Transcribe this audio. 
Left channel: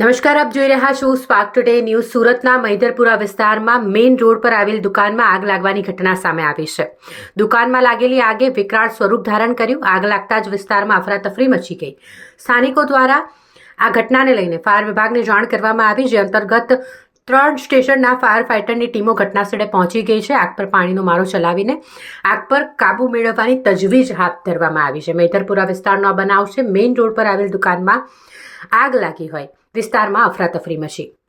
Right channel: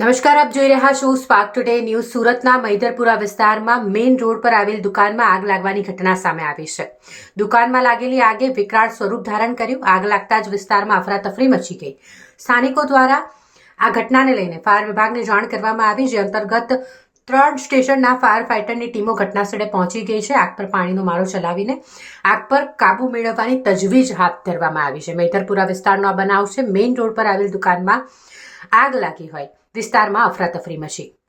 નમસ્કાર, આપ જોઈ રહ્યા છો સ્પાર્ક ટુડે ન્યૂઝ સુરતના મૈદરપુરા વિસ્તારમાં મેઇન રોડ પર આવેલ દુકાનમાં આગ લાગવાની ઘટના સામે આવી છે. દુકાનમાં લાગેલી આગે વિકરાળ સ્વરૂપ ધારણ કર્યું. આગ લાગતા જ વિસ્તારમાં અફરાતફરી મચી ગઈ. સ્થાનિકો દ્વારા આ ઘટનાને લઈને ફાયર વિભાગને જાણ કરવામાં આવી, જે અંતર્ગત ત્રણ સ્ટેશનના ફાયર ફાઇટરની ટીમો ઘટનાસ્થળે પહોંચી ગઈ છે. આગ પર પાણીનો મારો ચલાવીને આગ પર કાબુ મેળવવાની તજવીજ હાથ ધરવામાં આવી છે. મૈદરપુરા વિસ્તારનો આ બનાવ છે. મેઇન રોડ પર આવેલ દુકાનમાં આગ લાગી હોય. વિસ્તારમાં અફરાતફરી મચી.